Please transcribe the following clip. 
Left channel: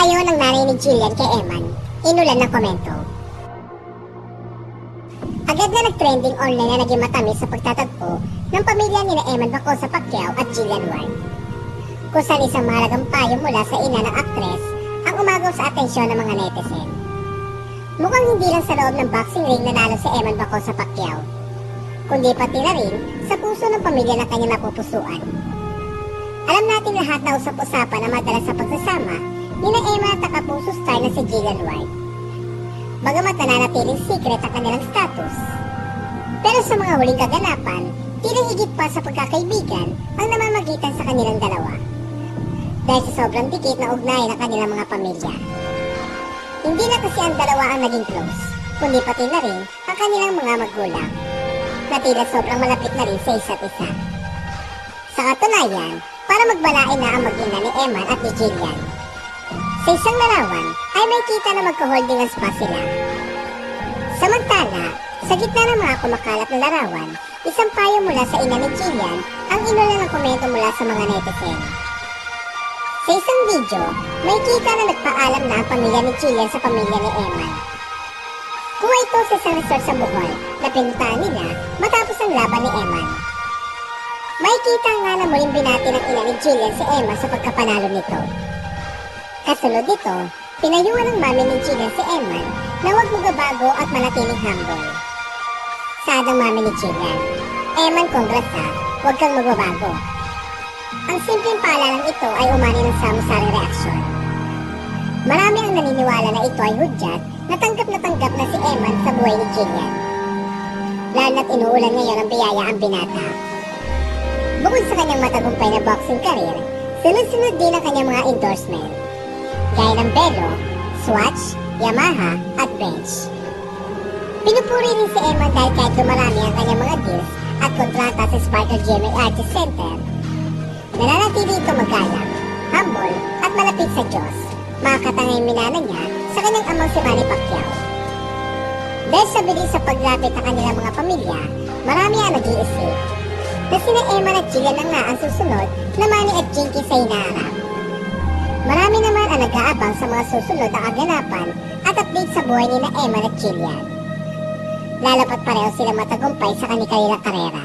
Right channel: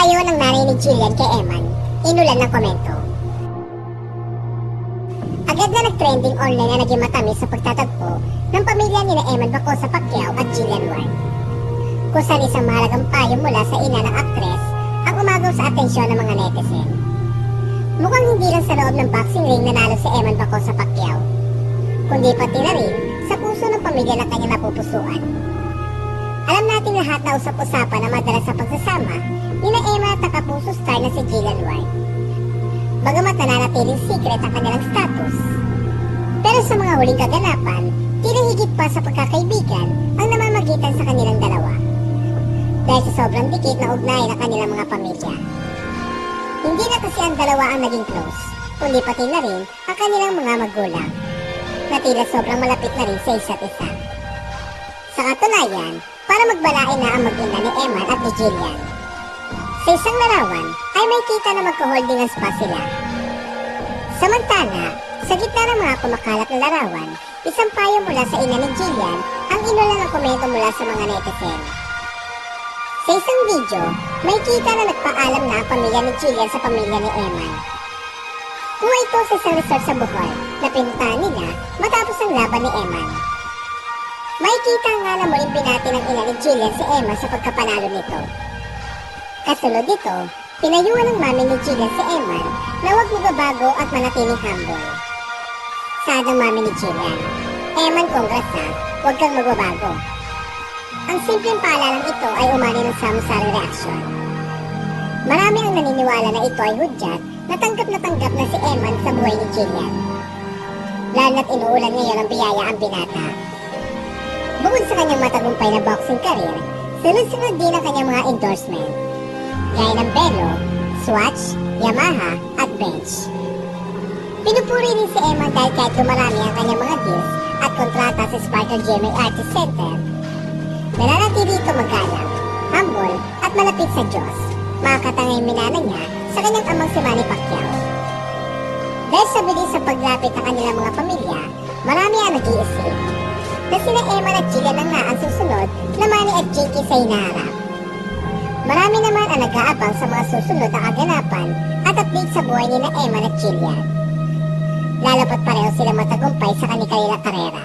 Payo ng nanay ni Jillian kay Eman, inulan ng komento. Agad na nag-trending online na naging matamis sa pagtatagpo ng pamilya ni Eman Bacosa Pacquiao at Jillian Ward. Kung saan isang mahalagang payo mula sa ina ng aktres ang umagaw sa atensyon ng mga netizen. Mukhang hindi lang sa loob ng boxing ring nanalo si Eman Bacosa Pacquiao, kundi pati na rin sa puso ng pamilya na kanyang napupusuan. Alam nating lahat na usap-usapan na madalas sa pagsasama nila Emma at kapuso star na si Jillian Ward. Bagamat nananatiling secret ang kanilang status, pero sa mga huling kaganapan, tila higit pa sa pagkakaibigan ang namamagitan sa kanilang dalawa. Dahil sa sobrang dikit na ugnayan ng kanilang mga pamilya. Hindi na kasi ang dalawa ang naging close, kundi pati na rin ang kanilang mga magulang, na tila sobrang malapit na rin sa isa't isa. Sa katunayan, para magbalain na ang mag-ina ni Eman at ni Jillian. Sa isang larawan ay may kita na magko-holding hands pa sila. Samantala, sa gitna ng mga kumakalat na larawan, isang payo mula sa ina ni Jillian ang inulan ng komento mula sa mga netizen. Sa isang video, may kita na nagpaalam na ang pamilya ni Jillian sa pamilya ni Eman. Kuha ito sa isang resort sa Bohol na pinuntahan nila matapos ang laban ni Eman. May kita nga na muling binati ng ina ni Jillian si Eman sa pagkapanalo nito. Kasunod nito, pinayuhan ng mami ni Jillian si Eman na huwag magabago at manatiling humble. Saad ng mami ni Jillian, Eman, congrats ha, huwag kang magbabago. Ang simpleng paalalang ito ay umani ng sari-saring reaksyon. Marami ang naniniwala na ito ay hudyat na tanggap na si Eman sa buhay ni Jillian. Lalo na't inuulan ngayon ang biyaya ang binata. Bukod sa kanyang matagumpay na boxing career, sunod-sunod din ang kanyang mga endorsement, gaya ng Belo, Swatch, Yamaha at Bench. Pinupuri rin si Eman dahil kahit dumarami ang kanyang mga deals at kontrata sa Sparkle GMA Artist Center, nananatili ito magalang, humble at malapit sa Diyos, makakatangay minana niya sa kanyang amang si Manny Pacquiao. Dahil sa bilis sa paglapit ng kanilang mga pamilya, marami ang nag-iisip na sina Eman at Jillian lang na ang susunod na Manny at Jinky sa hinaharap. Marami naman ang nag-aabang sa mga susunod na kaganapan at update sa buhay nila Eman at Jillian. Lalo pat pareho sila matagumpay sa kanilang karera.